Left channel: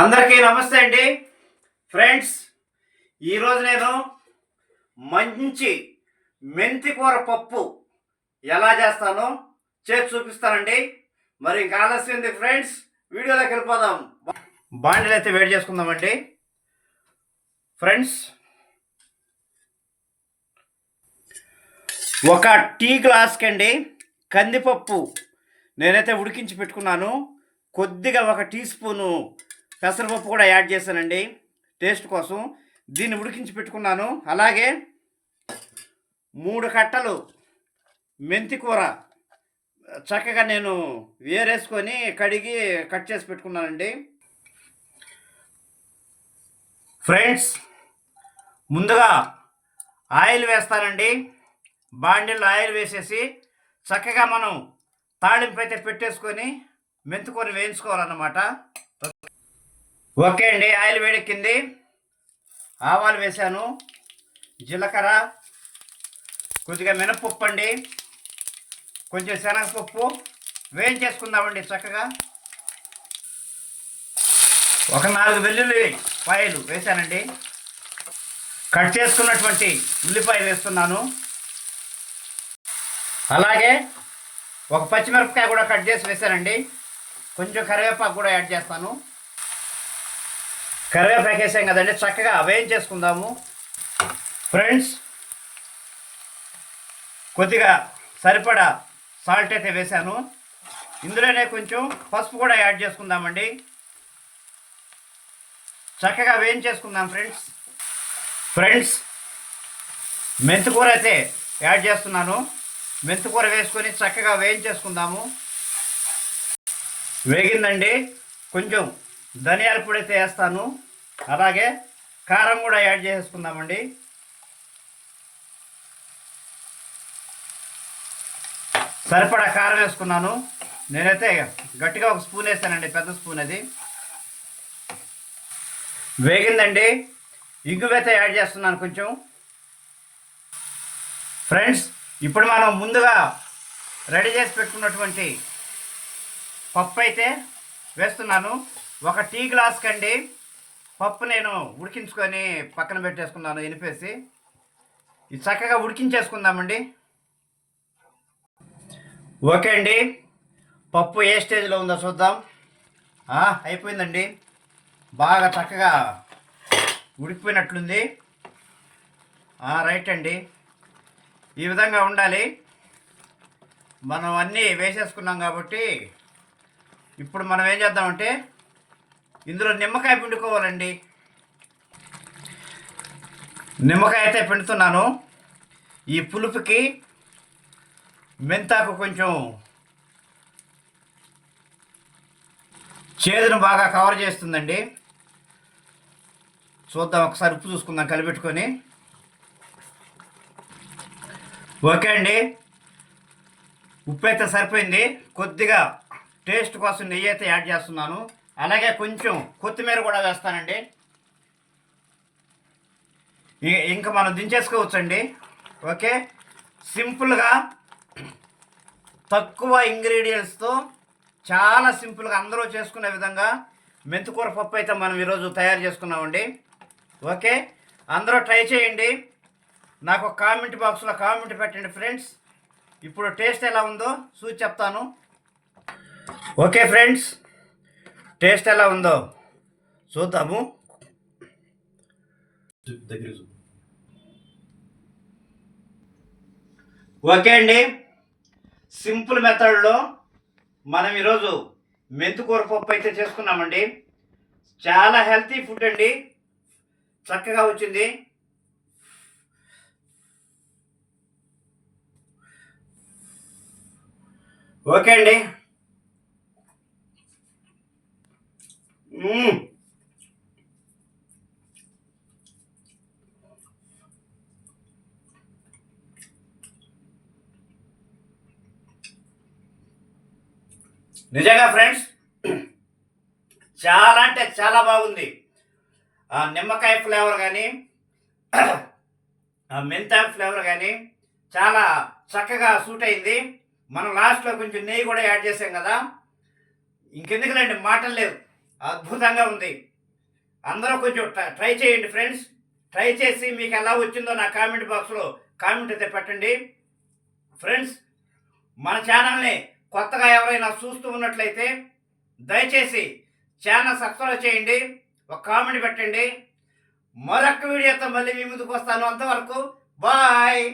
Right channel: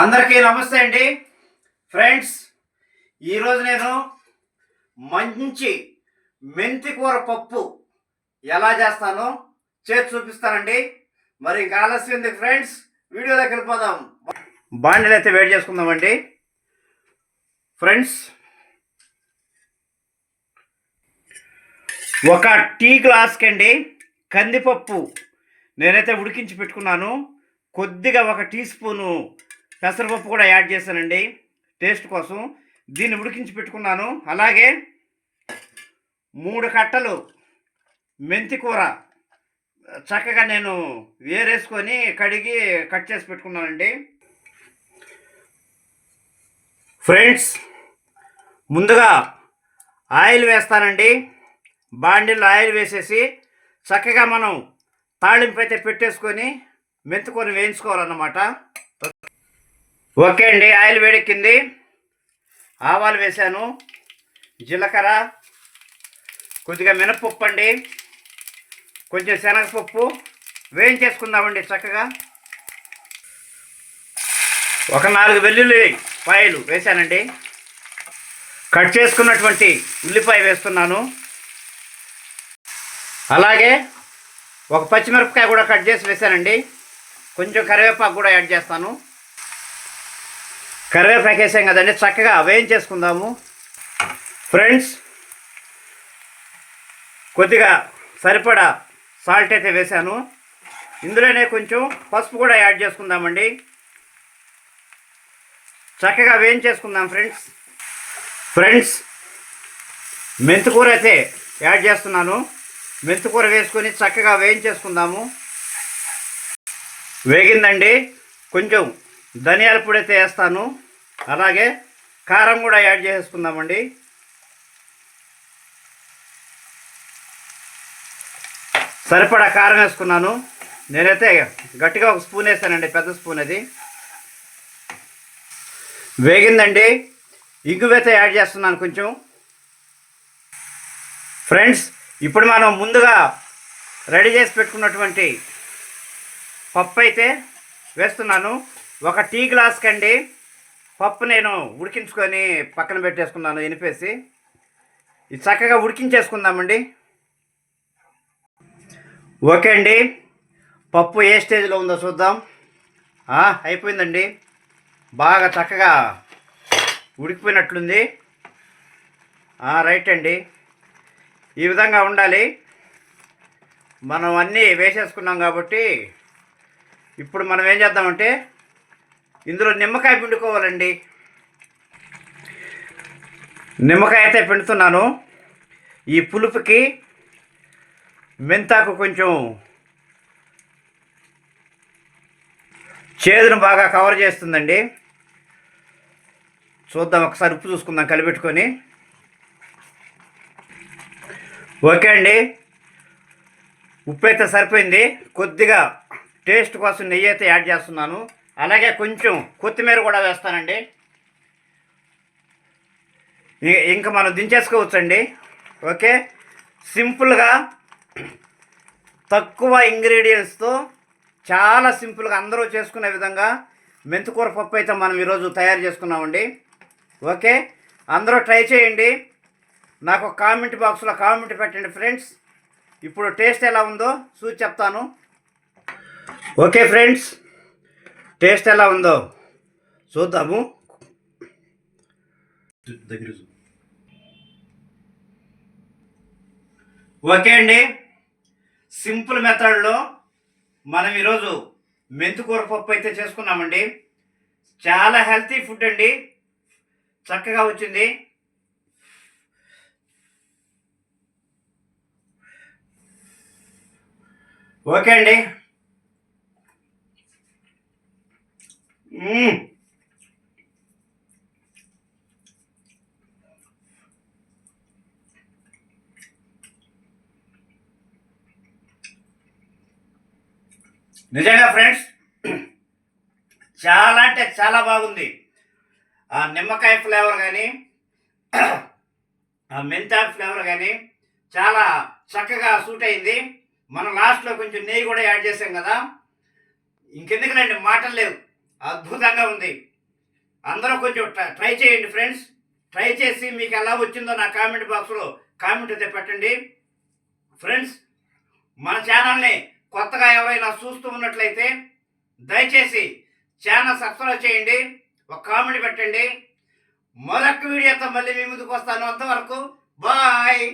అందరికీ నమస్తే అండి ఫ్రెండ్స్. ఈరోజు నేను మంచి మెంతి కూర పప్పు ఎలా చేస్తానో చేసి చూపిస్తానండి. మరి ఇంకా ఆలస్యం ఉంది ఫ్రెండ్స్, వీడియోలోకి వెళ్ళిపోదాం. బాండీలు అయితే వేడి చేసుకుందామండి ఫ్రెండ్స్. ఒక టీ గ్లాస్కి అండి కందిపప్పు నేనైతే ఉడికించి పెట్టుకున్నాను. కొద్దిగా ఒక టీ స్పూను పెసరపప్పు కూడా యాడ్ చేశానండి టేస్ట్ కోసం. దీన్ని ఉడికించి పెట్టుకున్నాను. అలాగే 3 కట్టలు మెంతి కూర చక్కగా నేను వేరేసుకొని కడిగి కట్ చేసి పెట్టుకున్నానండి ఫ్రెండ్స్. ముందుగా ఆయిల్ వేస్తానండి. బాండిల్లో ఆయిల్ వేసేసి చక్కగా మనం తాళింపు అయితే పెట్టేసుకొని మెంతికూర వేయించుకోవాలన్నమాట. ఓకే అండి, ఆయిల్ వేడెక్కింది. ఆవాలు వేసాను, జీలకర్ర, కొద్దిగా మినపప్పు అండి, కొంచెం శనగపప్పు వేయించేసుకుందామండి చక్కగా. ఒక 4 వెల్లుల్లి పాయలు వేసానండి. కట్ చేసుకున్నటువంటి ఉల్లిపాయ వేస్తున్నాను. అలాగే ఒక పచ్చిమిరపకాయ కూడా కట్ చేసి వేసానండి. కొంచెం కరివేపాకు కూడా యాడ్ చేస్తాను. కరివేపాకు వేసాం కదండి, చక్కగా వేయించేసుకుందాము ఫ్రెండ్స్. కొద్దిగా సరిపడా సాల్ట్ అయితే వేసాను. ఇందులోనే కొంచెం పసుపు కూడా యాడ్ చేసుకుందామండి. చక్కగా వేయించేసుకుందాం ఫ్రెండ్స్. మెంతికూర అయితే యాడ్ చేస్తున్నాను. మెంతికూర వేసుకొని చక్కగా వేయించేసుకుందాము. వేగిందండి. కొంచెం ధనియాల పొడి అయితే వేస్తాను. అలాగే కారం కూడా యాడ్ చేసుకుందామండి. సరిపడా కారం వేసుకున్నాను. నేనైతే గట్టిగా ఒక స్పూన్ వేస్తానండి, పెద్ద స్పూన్ అది. వేగిందండి. ఇంగువైతే యాడ్ చేస్తున్నాను కొంచెం ఫ్రెండ్స్. ఇప్పుడు మనం ముందుగా రెడీ చేసి పెట్టుకున్నటువంటి పప్పు అయితే వేస్తున్నాను. ఒక టీ గ్లాస్ కండి పప్పు నేను ఉడికించుకొని పక్కన పెట్టేసుకున్నాను ఎనిపేసి. ఇది చక్కగా ఉడికించేసుకుందామండి. ఓకే అండి, పప్పు ఏ స్టేజ్లో ఉందో చూద్దాం. అయిపోయిందండి, బాగా చక్కగా ఉడికిపోయినట్లుంది. రైట్ అండి, ఈ విధంగా ఉండాలి. మనం అన్నీ వేసేసుకున్నాం కాబట్టి ఇప్పుడు మనం ఏం చేద్దామంటే ఇందులో నిమ్మకాయ పిండుకోవాలండి. నిమ్మకాయ అయితే పిండుతున్నాను. ఈ పులుపుకి మెంతాకు కొంచెం చేదును బాగా కవర్ చేస్తుందండి. చూద్దాం, ఒకసారి ఉప్పు చూసుకుందాం కలిపెట్టుకొని. ఓకే అండి, ఉప్పు అయితే సరిపోయింది. కొద్దిగా టేస్ట్ కోసం నెయ్యి అయితే యాడ్ చేస్తున్నాను. అలాగే కొంచెం కొత్తిమీర కూడా వేస్తానండి. ఇంకా మనం దించేసుకోవచ్చండి. ఓకే, సింపుల్గా తక్కువ ఇంగ్రీడియంట్స్తో చాలా సింపుల్గా అందరూ చేసుకునే విధంగా మెంతికూర పప్పు అయితే మనం ఈరోజు తయారు చేసుకున్నామండి. ఓకే, అందరూ ట్రై చేయండి. నాకు కామెంట్ బాక్స్లో కామెంట్ పెట్టండి ఫ్రెండ్స్. ఇప్పుడు టేస్ట్ ఎలా ఉందో చూసి చెప్తాను. ఓకే ఫ్రెండ్స్, టేస్ట్ ఎలా ఉందో చూద్దాము. ఓకే అండి, సింపుల్ మెథడ్లో మనం ఈరోజు మెంతికూర పప్పు అయితే చేసుకున్నామండి. చాలా హెల్తీ ఫుడ్ అండి, చక్కగా వచ్చింది. ఓకే అండి, నిజంగా ఫ్రెండ్స్ చాలా అంటే చాలా బాగుంది. నిమ్మకాయ ఫ్లేవర్ కానీ మెంతాకు ఫ్లేవర్ కానీ చాలా చక్కగా సూట్ అయింది. మనం లాస్ట్లో కొంచెం నెయ్యి కూడా యాడ్ చేసాం కదా, ఇంకెందుకులండి మాటలు లేవు. అద్భుతంగా ఉంది. అందరూ కొంచెం ట్రై చేయండి ఫ్రెండ్స్. ట్రై చేసి మీకు ఎలా వచ్చిందో నా కామెంట్ బాక్స్‌లో కామెంట్ అయితే పెట్టండి. ఫ్రెండ్స్, మన ఛానల్‌ని కొత్తగా ఎవరైనా చూస్తూ ఉన్నట్లయితే దయచేసి ఛానల్ సబ్స్క్రైబ్ చేయండి. ఒక కామెంట్ పెట్టండి. మరొక వీడియోతో మళ్ళీ మీ ముందుకు వస్తాను. అంతవరకు బాయ్.